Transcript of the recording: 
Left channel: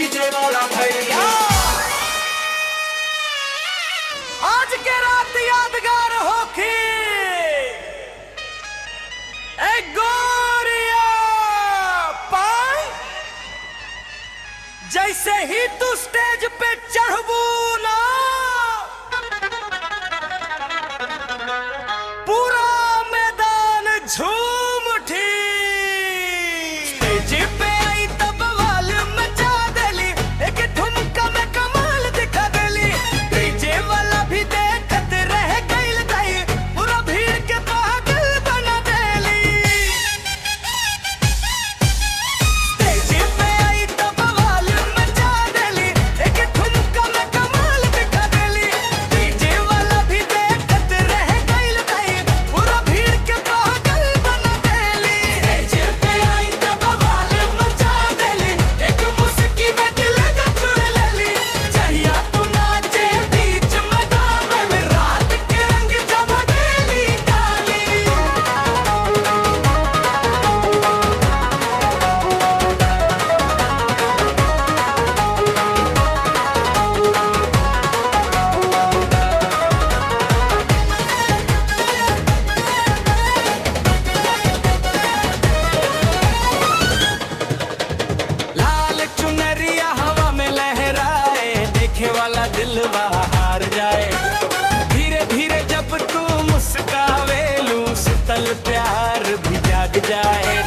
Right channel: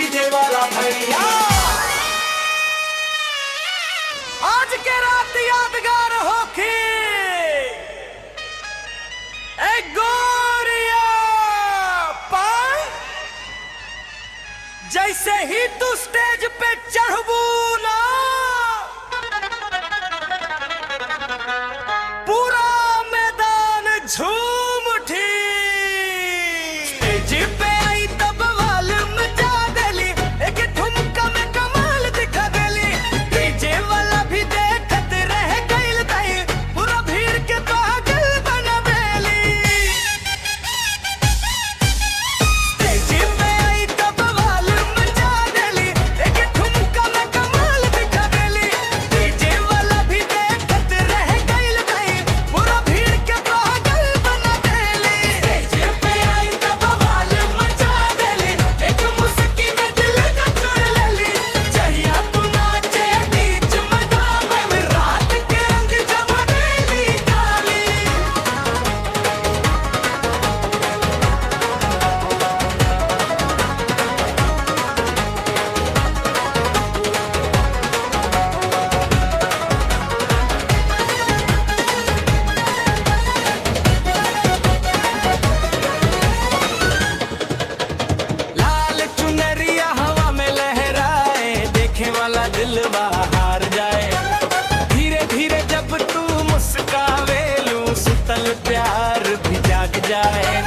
DJ वाला भैया। आज के रात यादगार होखी गोरिया पाए जैसे ही तू स्टेज पे चढ़बू ना पूरा मैदान झूम उठी। स्टेज पे आई तब वाल मचा देली, एक ठुमका में कमाल दिखा देली। डीजे वाला भी देखत रह गइल दाई, पूरा भीड़ के पागल बना देली। स्टेज पे आई तब वाल मचा देली, एक ठुमका में कमाल दिखा देली। डीजे वाला भी देखत रह गइल दाई, पूरा भीड़ के पागल बना देली। स्टेज पे आई तब वाल मचा देली, एक मुस्की में दिल का चुरा लेली। चाहिए तू नाचे बीच मैदान में, रात के रंग जमा देली काली। लाल चुनरिया हवा में लहराए, देखे वाला दिलवा हार जाए। धीरे धीरे जब तू मुस्कावेलू, सुतल प्यार भी जाग जाए।